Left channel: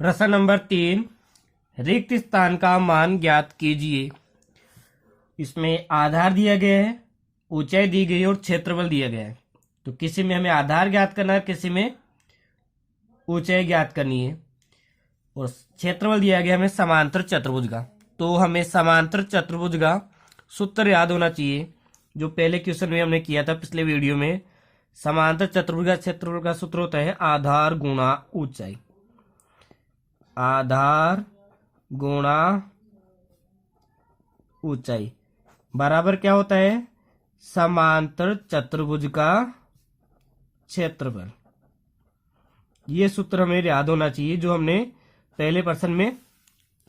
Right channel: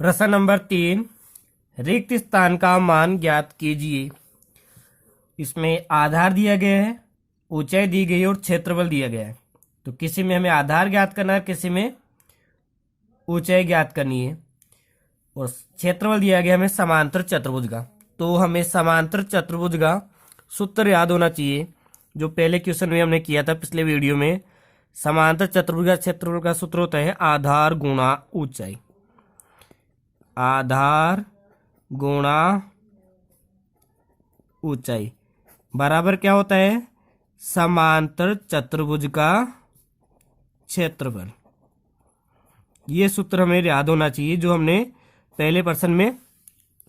प्रश्न नंबर 3, रिक्त स्थान का मान ज्ञात कीजिए। इसमें आधार दिया गया है, ऊंचाई दी गई है और क्षेत्रफल दिया गया है। तो किसी में हमें आधार ज्ञात करना है, किसी में ऊंचाई ज्ञात करनी है और क्षेत्रफल दिया गया हमें समांतर चतुर्भुज का। तो हमें समांतर चतुर्भुज का सूत्र याद होना चाहिए, जो पहले क्वेश्चन में हमने किया था पिछले वीडियो में। समांतर चतुर्भुज का क्षेत्रफल का सूत्र होता है आधार गुणा ऊंचाई। आधार गुणा ऊंचाई बराबर क्या होता है? समांतर चतुर्भुज का क्षेत्रफल। ये सूत्र हमें याद होना चाहिए, जो हमने पहले प्रश्न में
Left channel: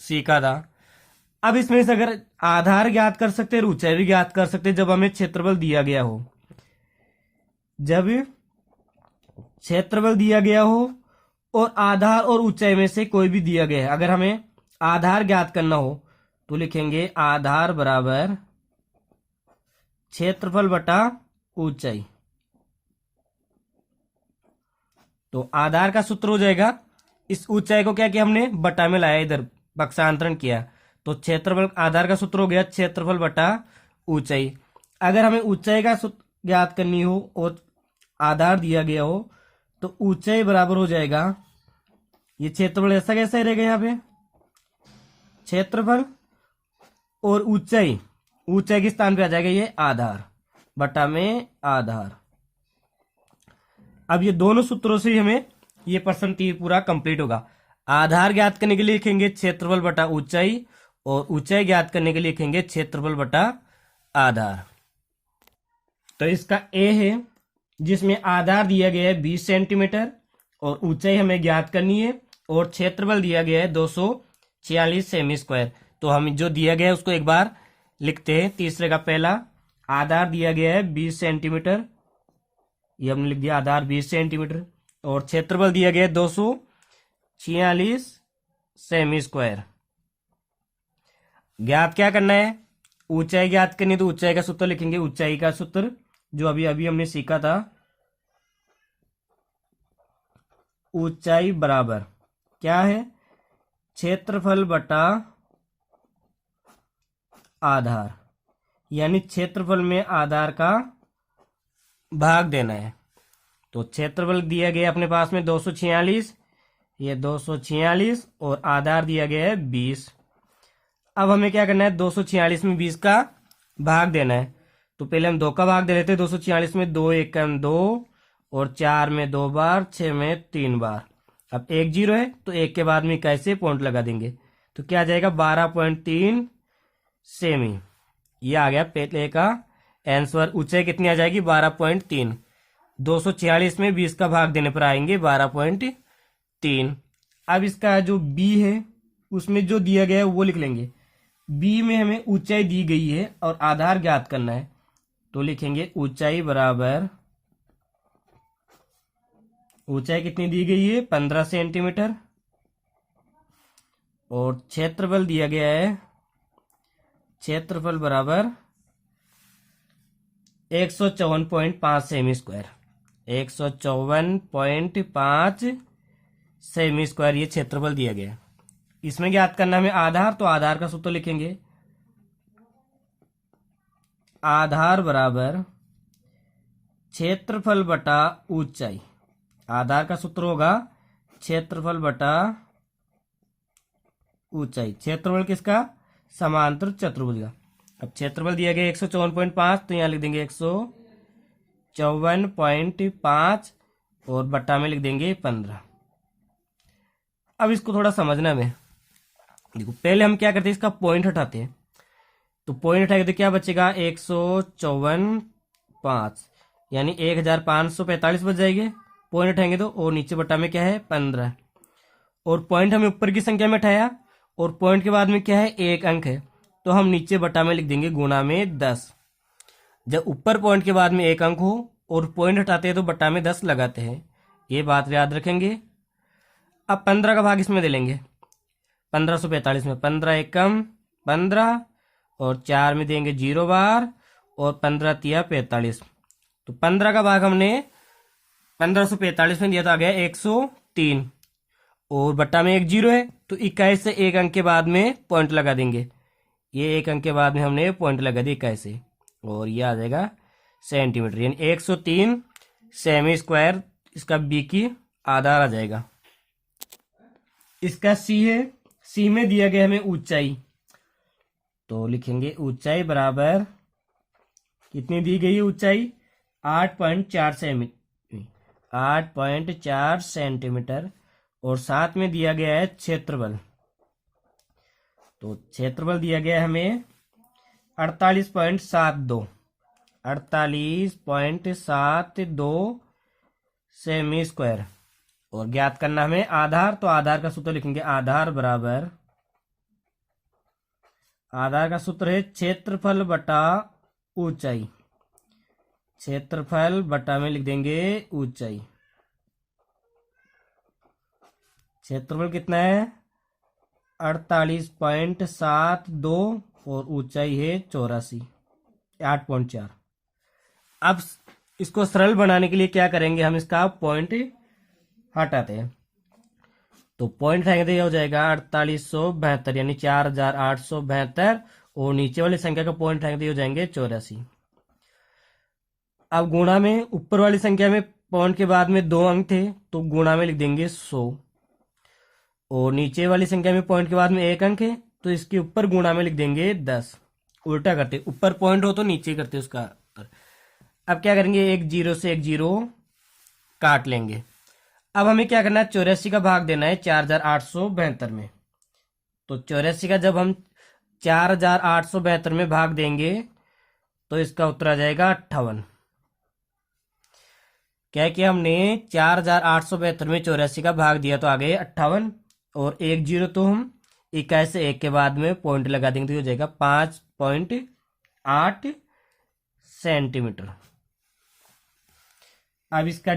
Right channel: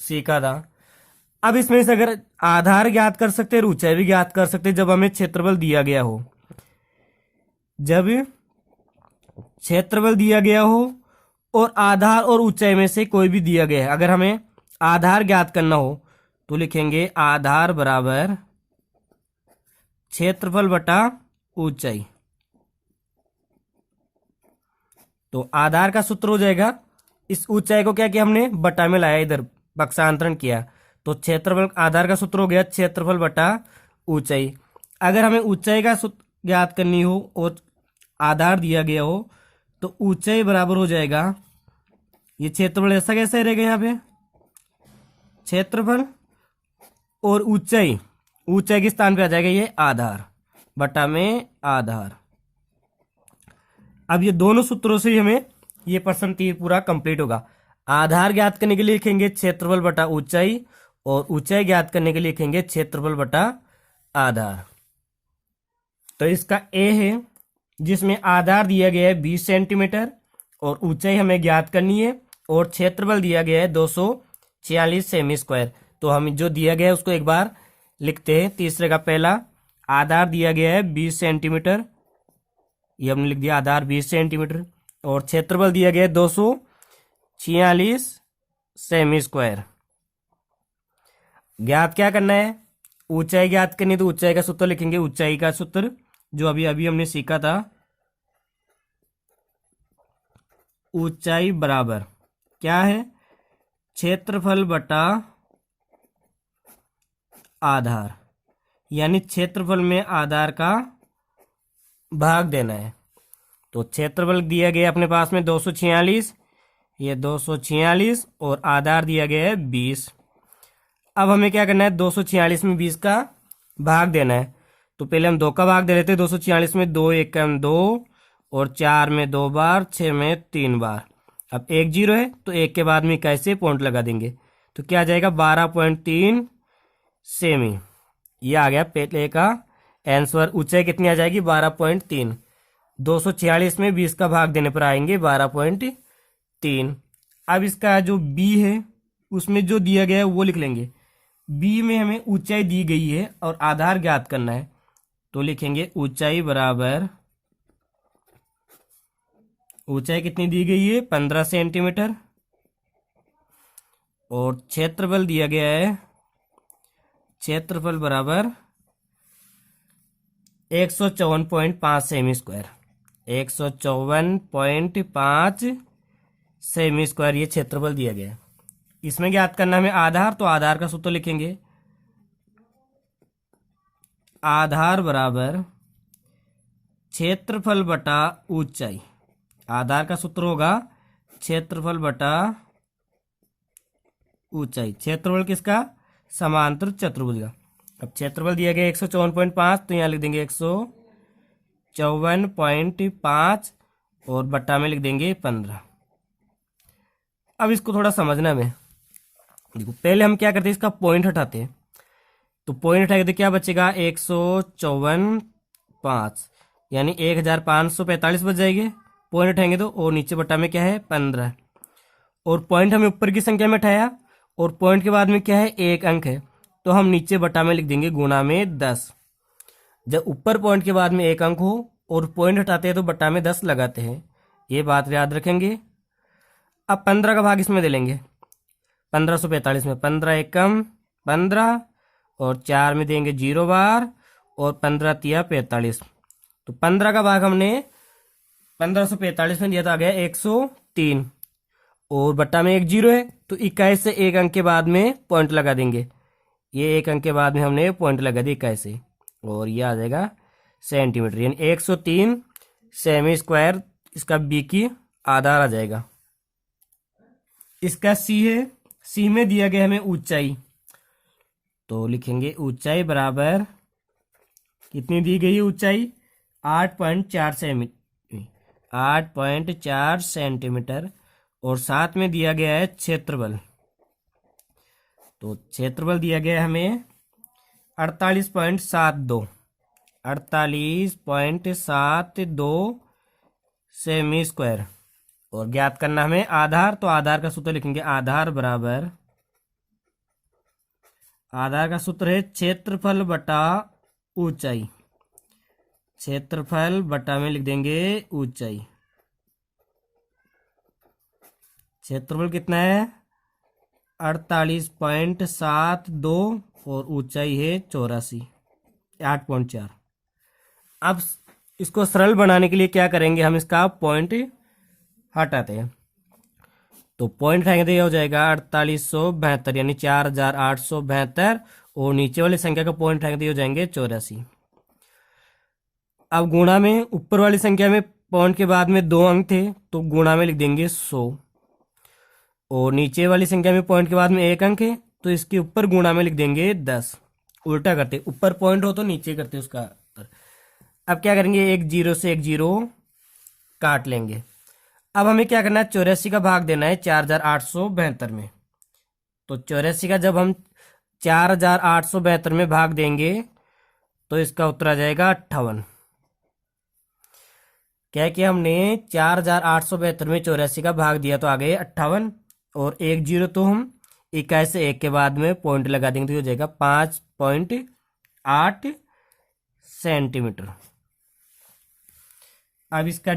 सीखा था। अब इसमें से अगर आधार ज्ञात कर सकते हैं और ऊंचाई भी ज्ञात कर सकते हैं जब हमें क्षेत्रफल दिया गया हो। जब क्षेत्रफल दिया गया हो और आधार और ऊंचाई में से कोई भी दिया गया है, अगर हमें आधार ज्ञात करना हो तो लिखेंगे आधार बराबर क्षेत्रफल बटा ऊंचाई। तो आधार का सूत्र हो जाएगा, इस ऊंचाई को क्या किया हमने, बटा में लाया, इधर पक्षांतरण किया। तो क्षेत्रफल, आधार का सूत्र हो गया क्षेत्रफल बटा ऊंचाई। अगर हमें ऊंचाई का सूत्र ज्ञात करनी हो और आधार दिया गया हो तो ऊंचाई बराबर हो जाएगा, ये क्षेत्रफल ऐसा कैसा रहेगा, यहाँ पे क्षेत्रफल और ऊंचाई, ऊंचाई के स्थान पे आ जाएगा ये आधार बटा में आधार। अब ये दोनों सूत्रों से हमें ये प्रश्न 3 पूरा कंप्लीट होगा। आधार ज्ञात करने के लिए लिखेंगे क्षेत्रफल बटा ऊंचाई और ऊंचाई ज्ञात करने के लिए लिखेंगे क्षेत्रफल बटा आधार। तो इसका ए है, जिसमें आधार दिया गया है 20 सेंटीमीटर और ऊंचाई हमें ज्ञात करनी है और क्षेत्रफल दिया गया है 246 सेमी स्क्वायर। तो हम जो दिया गया है उसको एक बार लिखते हैं। तीसरे का पहला आधार दिया गया है 20 सेंटीमीटर, ये हमने लिख दिया आधार 20 सेंटीमीटर और क्षेत्रफल दिया गया है 246 सेमी स्क्वायर। ज्ञात क्या करना है, ऊंचाई ज्ञात करनी, तो ऊंचाई का सूत्र लिखेंगे, ऊंचाई का सूत्र जो अभी अभी हमने सीखा था। ऊंचाई बराबर क्या है, क्षेत्रफल बटा आधार, यानी क्षेत्रफल में आधार का भाग देना है। तो क्षेत्रफल दिया गया अपने पास में 246, ये 246 और आधार दिया गया है 20। अब हमें क्या करना है, 246 में 20 का भाग देना है। तो पहले हम 2 का भाग दे रहे थे, 246 में 2 एकम 2 और 4 में 2 बार, 6 में 3 बार। अब 1 0 है तो 1 के बाद में कैसे पॉइंट लगा देंगे, तो क्या आ जाएगा 12.3 सेमी। ये आ गया पहले का आंसर। ऊंचाई कितनी आ जाएगी, 12.3। 246 में 20 का भाग देने पर आएंगे 12.3। अब इसका जो बी है उसमें जो दिया गया है वो लिख लेंगे। बी में हमें ऊंचाई दी गई है और आधार ज्ञात करना है, तो लिखेंगे ऊंचाई बराबर, ऊंचाई कितनी दी गई है 15 सेंटीमीटर और क्षेत्रफल दिया गया है, क्षेत्रफल बराबर 154.5 सेमी स्क्वायर। 154.5 सेमी स्क्वायर ये क्षेत्रफल दिया गया है। इसमें ज्ञात करना हमें आधार, तो आधार का सूत्र लिखेंगे, आधार बराबर क्षेत्रफल बटा ऊंचाई। आधार का सूत्र होगा क्षेत्रफल बटा ऊंचाई। क्षेत्रफल किसका, समांतर चतुर्भुज का। अब क्षेत्रफल दिया गया 154.5, तो यहाँ लिख देंगे 154.5 और बट्टा में लिख देंगे 15। अब इसको थोड़ा समझना में, देखो पहले हम क्या करते हैं, इसका पॉइंट हटाते हैं। तो पॉइंट हटाएंगे तो क्या बचेगा, 154.5 यानी 1545 बच जाएंगे। पॉइंट हटाएंगे तो, और नीचे बट्टा में क्या है 15, और पॉइंट हमें ऊपर की संख्या में हटाया और पॉइंट के बाद में क्या है 1 अंक है, तो हम नीचे बटा में लिख देंगे गुना में 10। जब ऊपर पॉइंट के बाद में 1 अंक हो और पॉइंट हटाते हैं तो बटा में 10 लगाते हैं, ये बात याद रखेंगे। अब 15 का भाग इसमें दे लेंगे, 1545 में 15 एकम 15 और 4 में देंगे 0 बार और 15 तिया 45। तो 15 का भाग हमने 1545 में दिया तो आ गया 103 और बट्टा में एक जीरो है, तो 21 से एक अंक के बाद में पॉइंट लगा देंगे। ये एक अंक के बाद में हमने पॉइंट लगा दिया 21 से, और ये आ जाएगा सेंटीमीटर, यानी 103 सेमी स्क्वायर इसका बी की आधार आ जाएगा। इसका सी है, सी में दिया गया हमें ऊंचाई, तो लिखेंगे ऊंचाई बराबर, कितनी दी गई है ऊंचाई, 8.4 सेंटीमीटर, और साथ में दिया गया है क्षेत्रफल, तो क्षेत्रफल दिया गया है हमें 48.72 सेमी स्क्वायर, और ज्ञात करना हमें आधार, तो आधार का सूत्र लिखेंगे, आधार बराबर, आधार का सूत्र है क्षेत्रफल बटा ऊंचाई, क्षेत्रफल बटा में लिख देंगे ऊंचाई। क्षेत्रफल कितना है 48.72 और ऊंचाई है 8.4। अब इसको सरल बनाने के लिए क्या करेंगे, हम इसका पॉइंट हटाते हैं, तो पॉइंट हटाएंगे तो यह हो जाएगा 4872, यानी 4872, और नीचे वाली संख्या का पॉइंट हटाएंगे तो ये हो जाएंगे 84। अब गुणा में, ऊपर वाली संख्या में पॉइंट के बाद में 2 अंक थे, तो गुणा में लिख देंगे 100, और नीचे वाली संख्या में पॉइंट के बाद में 1 अंक है, तो इसके ऊपर गुणा में लिख देंगे 10। उल्टा करते, ऊपर पॉइंट हो तो नीचे करते उसका। अब क्या करेंगे, एक जीरो से एक जीरो काट लेंगे। अब हमें क्या करना है, 84 का भाग देना है 4872 में, तो 84 का जब हम 4872 में भाग देंगे तो इसका उत्तर आ जाएगा 58। क्या किया हमने, 4872 में 84 का भाग दिया तो आ गए 58, और एक जीरो तो हम 21 से एक के बाद में पॉइंट लगा देंगे तो हो जाएगा 5.8 सेंटीमीटर। अब इसका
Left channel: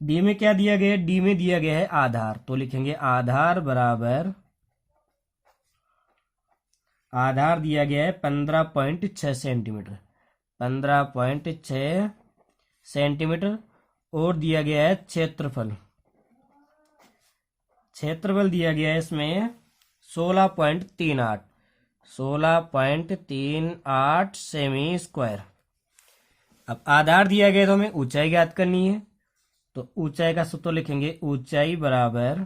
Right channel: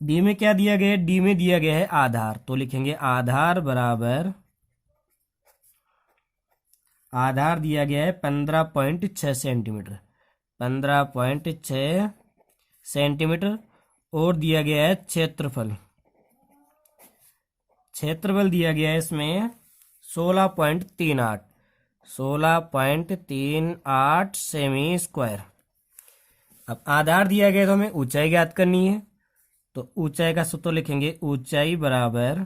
डी में क्या दिया गया है, डी में दिया गया है आधार, तो लिखेंगे आधार बराबर, आधार दिया गया है 15.6 सेंटीमीटर, 15.6 सेंटीमीटर, और दिया गया है क्षेत्रफल, क्षेत्रफल दिया गया है इसमें 16.38 सेमी स्क्वायर। अब आधार दिया गया तो हमें ऊंचाई ज्ञात करनी है, तो ऊंचाई का सूत्र लिखेंगे, ऊंचाई बराबर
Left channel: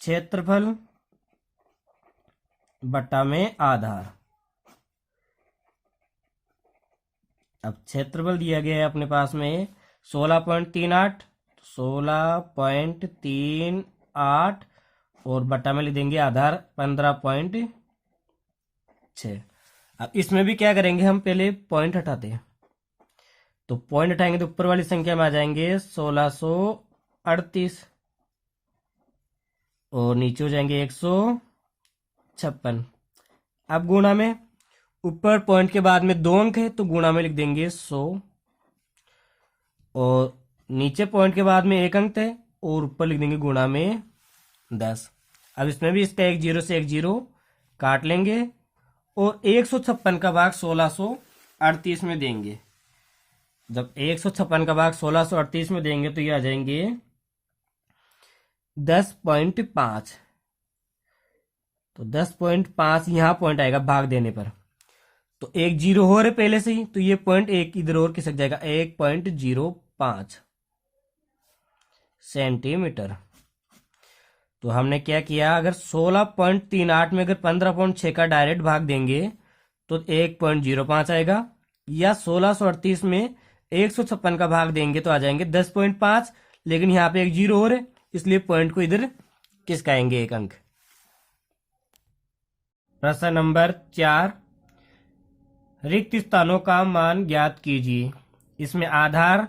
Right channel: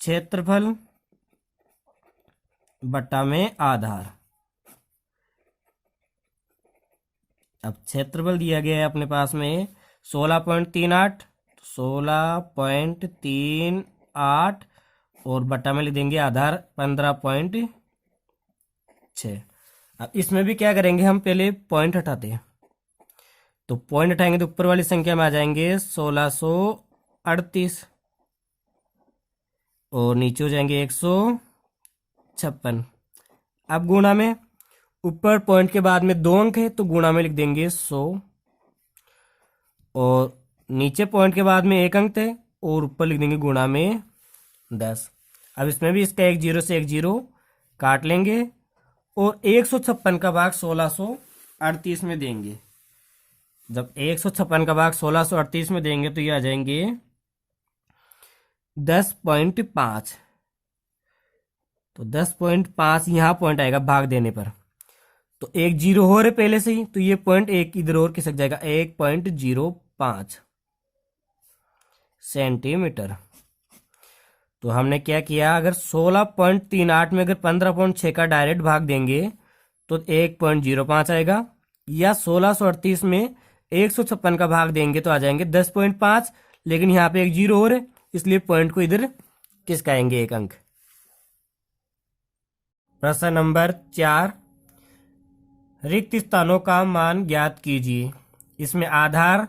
क्षेत्रफल बटा में आधार। अब क्षेत्रफल दिया गया है अपने पास में 16.38 और बटा में लिख देंगे आधार 15.6। अब इसमें भी क्या करेंगे, हम पहले पॉइंट हटाते हैं, तो पॉइंट हटाएंगे तो ऊपर वाली संख्या में आ जाएंगे 1638, और नीचे हो जाएंगे 156। अब गुणा में, ऊपर पॉइंट के बाद में 2 अंक है तो गुणा में लिख देंगे 100, और नीचे पॉइंट के बाद में 1 अंक है और ऊपर लिख देंगे गुणा में 10। अब इसमें भी इसका एक जीरो से एक जीरो काट लेंगे, और 156 का भाग 1638 में देंगे। जब 156 का भाग 1638 में देंगे तो ये आ जाएंगे 10.5, तो 10.5 यहां पॉइंट आएगा भाग देने पर, तो एक जीरो हो रहे पहले से ही, तो ये पॉइंट एक इधर और खिसक जाएगा, 1.05 सेंटीमीटर। तो हमने क्या किया, अगर 16.38 में अगर 15.6 का डायरेक्ट भाग देंगे तो 1.05 आएगा, या 1638 में 156 का भाग देंगे तो आ जाएंगे 10.5, लेकिन यहाँ पे एक जीरो और है इसलिए पॉइंट को इधर खिसकाएंगे 1 अंक। प्रश्न नंबर 4, रिक्त स्थानों का मान ज्ञात कीजिए। इसमें आधार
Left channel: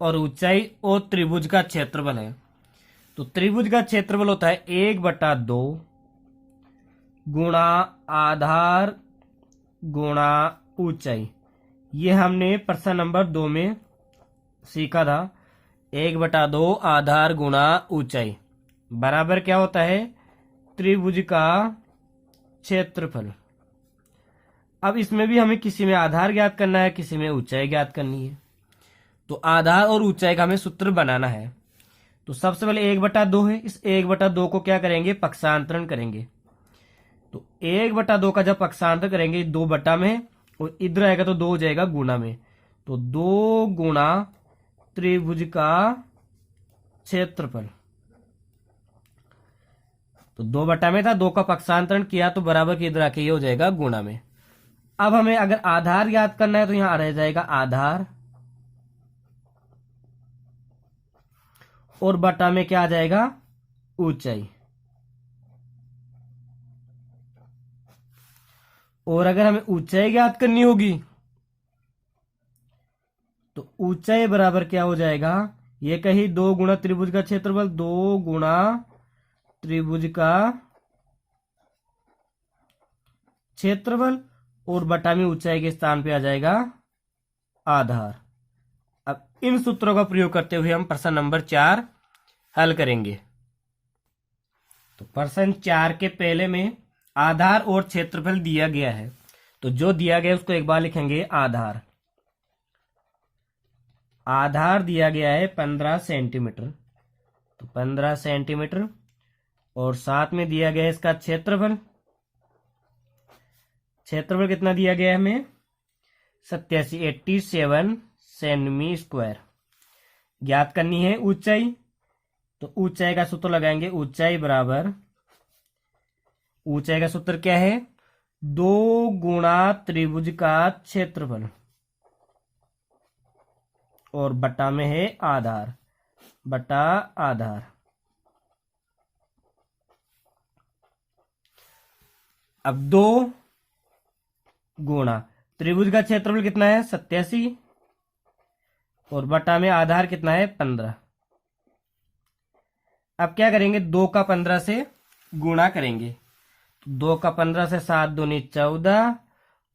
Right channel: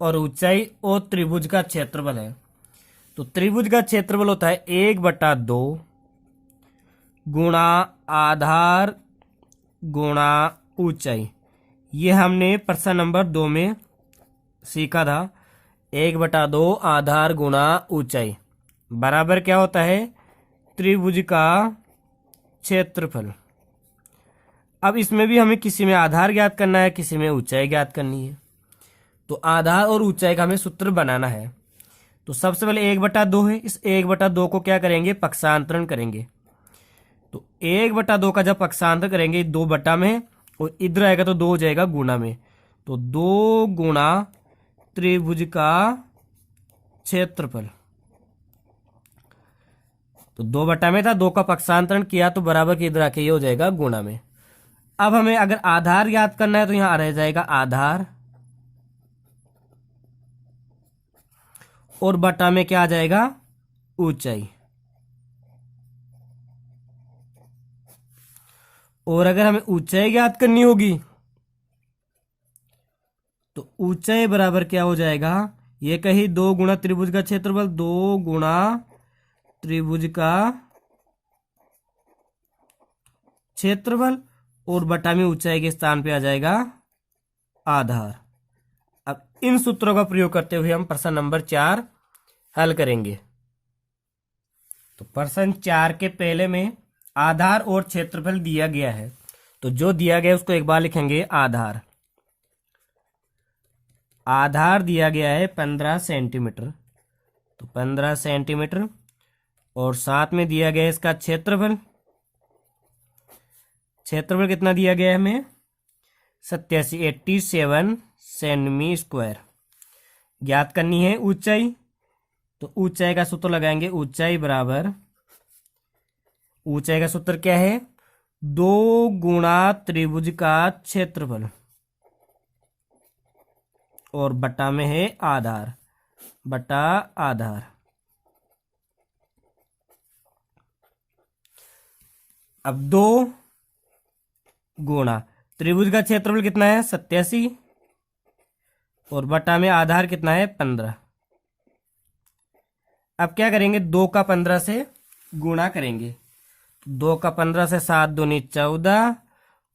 और ऊंचाई और त्रिभुज का क्षेत्रफल है। तो त्रिभुज का क्षेत्रफल होता है 1/2 गुणा आधार गुणा ऊंचाई। ये हमने प्रश्न नंबर 2 में सीखा था। 1/2 आधार गुणा ऊंचाई बराबर क्या होता है, त्रिभुज का क्षेत्रफल। अब इसमें भी हमें किसी में आधार ज्ञात करना है, किसी में ऊंचाई ज्ञात करनी है। तो आधार और ऊंचाई का हमें सूत्र बनाना है। तो सबसे पहले 1/2 है, इस 1/2 को क्या करेंगे, पक्षांतरण करेंगे। तो 1/2 का जब पक्षांतर करेंगे 2 बटा में, और इधर आएगा तो 2 हो जाएगा गुना में। तो 2 गुणा त्रिभुज का क्षेत्रफल। तो 2 बटा में था, 2 का पक्षांतरण किया तो बराबर के इधर आके ये हो जाएगा गुणा में। अब हमें अगर आधार याद करना है तो यहां रह जाएगा आधार, और बटा में क्या आ जाएगा, ऊंचाई। और अगर हमें ऊंचाई याद करनी होगी तो ऊंचाई बराबर क्या हो जाएगा, ये कही 2 गुणा त्रिभुज का क्षेत्रफल, 2 गुणा त्रिभुज का क्षेत्रफल, और बटा में ऊंचाई के स्थान पे आ जाएगा आधार। अब इन सूत्रों का प्रयोग करते हुए हम प्रश्न नंबर 4 हल करेंगे। तो प्रश्न 4 के पहले में आधार और क्षेत्रफल दिया गया है, तो जो दिया गया है उसको एक बार लिखेंगे आधार। आधार दिया गया है 15 सेंटीमीटर, तो 15 सेंटीमीटर, और साथ में दिया गया है इसका क्षेत्रफल। क्षेत्रफल कितना दिया गया है हमें, 87 सेमी स्क्वायर। ज्ञात करनी है ऊंचाई, तो ऊंचाई का सूत्र लगाएंगे, ऊंचाई बराबर, ऊंचाई का सूत्र क्या है, 2 गुणा त्रिभुज का क्षेत्रफल, और बटा में है आधार, बटा आधार। अब 2 गुणा त्रिभुज का क्षेत्रफल कितना है 87, और बटा में आधार कितना है 15। अब क्या करेंगे, 2 का 15 से गुणा करेंगे। 2 का 15 से 7 दूनी 14,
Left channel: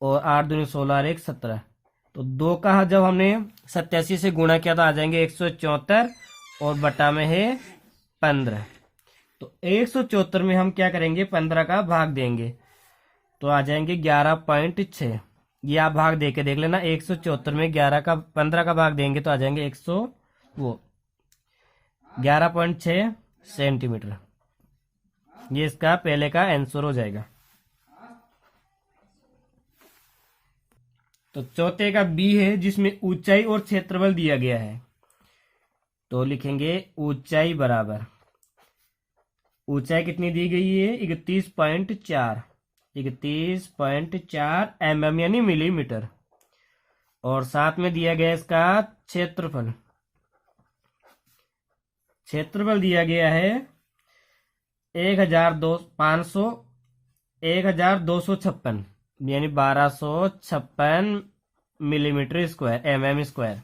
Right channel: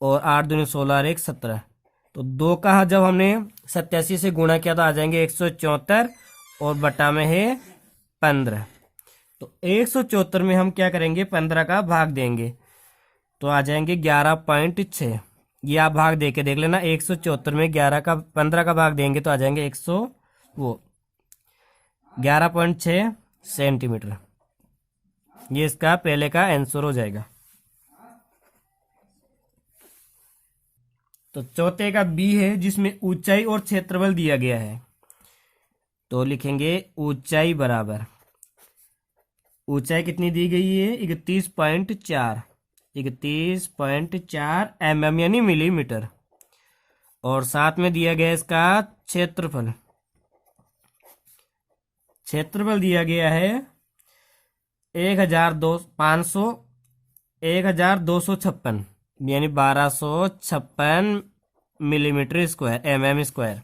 और 8 दूनी 16 और 1 17। तो 2 का जब हमने 87 से गुणा किया तो आ जाएंगे 174, और बटा में है 15। तो 174 में हम क्या करेंगे, 15 का भाग देंगे, तो आ जाएंगे 11.6। ये आप भाग दे के देख लेना, 174 में 15 का भाग देंगे तो आ जाएंगे 11.6 सेंटीमीटर। ये इसका पहले का आंसर हो जाएगा। तो चौथे का बी है, जिसमें ऊंचाई और क्षेत्रफल दिया गया है, तो लिखेंगे ऊंचाई बराबर, ऊंचाई कितनी दी गई है 31.4 mm यानी मिलीमीटर, और साथ में दिया गया इसका क्षेत्रफल। क्षेत्रफल दिया गया है 1256 यानी 1256 मिलीमीटर स्क्वायर, mm स्क्वायर।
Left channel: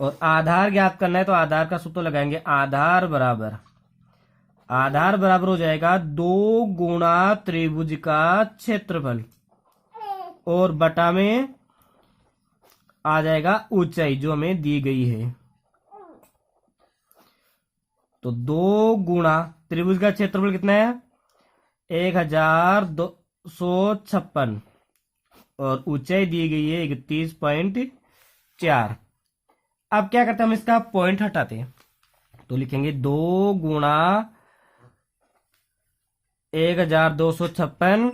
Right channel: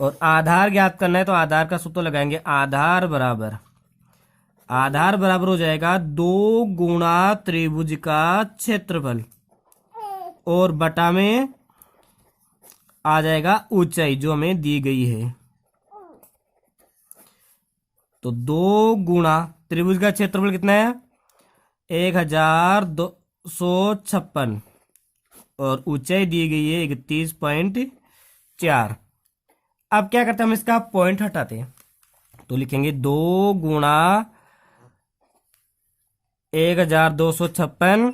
और आधार ज्ञात करना है तो आधार का सूत्र लगाएंगे, आधार बराबर हो जाएगा 2 गुणा त्रिभुज का क्षेत्रफल, और बटा में आ जाएगा ऊंचाई जो हमें दी गई है। तो 2 गुणा त्रिभुज का क्षेत्रफल कितना है 1256, और ऊंचाई दी गई है 31.4। अब क्या करते हैं, हम इसका पॉइंट हटाते हैं, तो लिखेंगे 2 गुणा 1256,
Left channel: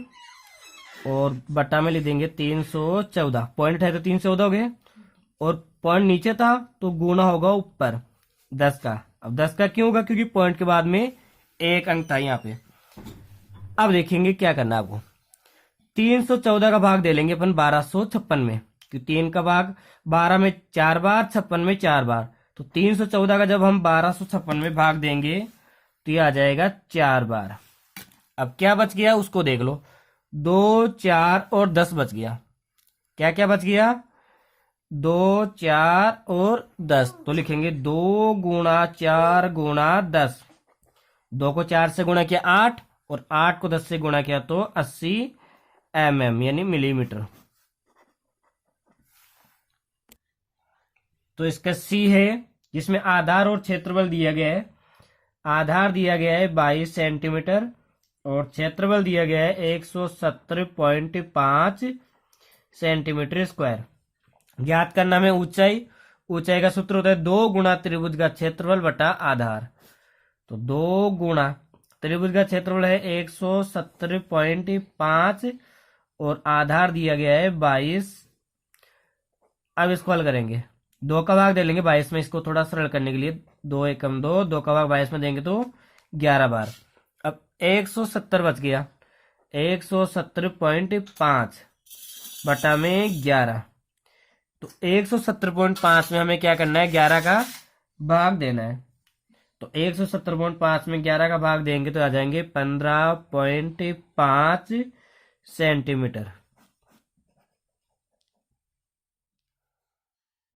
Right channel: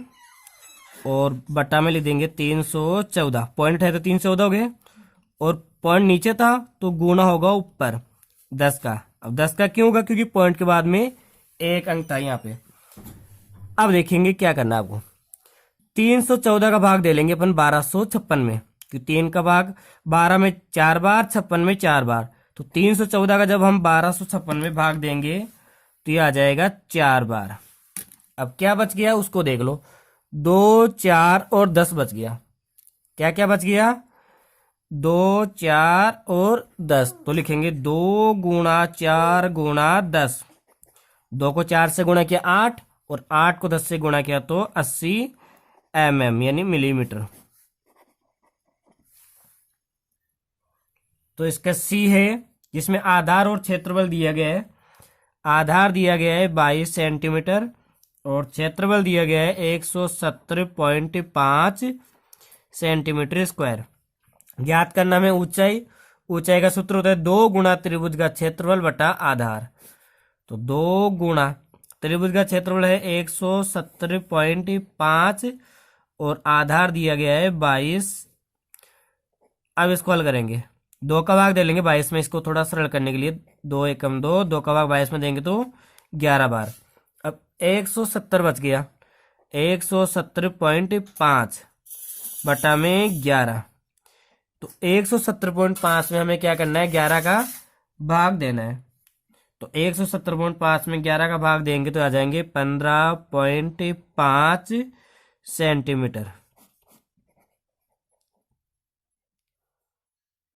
और बटा में लिख देंगे 314। पॉइंट है तो 314 हो गए, और पॉइंट नीचे था तो गुना होगा ऊपर 10 का। अब 10 का क्यों होगा, क्योंकि पॉइंट के बाद में एक अंक था यहाँ पे। अब देखेंगे क्या करना है आपको, 314 का भाग दे लेंगे अपन 1256 में, क्योंकि 3 का भाग 12 में 4 बार, 56 में 4 बार। तो 314 का जब हम 1256 में भाग देंगे तो ये आ जाएगा 4 बार। अब क्या बच गया उसको देख लो, 2 4 और 10 बच गया। क्या क्या बच गया, 2 4 और 10। तो लिखेंगे 2 गुणा 4 गुणा 10। 2 को 4 से गुणा किया 8, और 8 को 10 से गुणा किया तो 80 mm यानी मिलीमीटर। तो इसका सी है, जिसमें आधार और क्षेत्रफल दिया गया है। आधार दिया गया है 22 सेंटीमीटर, और क्षेत्रफल दिया गया है 170.5 सेंटीमीटर स्क्वायर। ज्ञात करना में ऊंचाई, ऊंचाई का सूत्र होता है 2 गुना त्रिभुज का क्षेत्रफल बटा आधार। तो 2 गुना त्रिभुज का क्षेत्रफल है 170.5 और आधार दिया गया है 22। अब इसको हल करेंगे, 2 का भाग दे लेंगे 22 में, इसको थोड़ा सरल करने के लिए 2 एकम 2, 2 का भाग 22 में देंगे तो 11 बार। अब 170 बच गया, 170.5 बटा में 11। तो 170.5 में हमें क्या करना है, 11 का भाग देना है। तो 170.5 में 11 का भाग देंगे तो आ जाएंगे 15.5 सेंटीमीटर।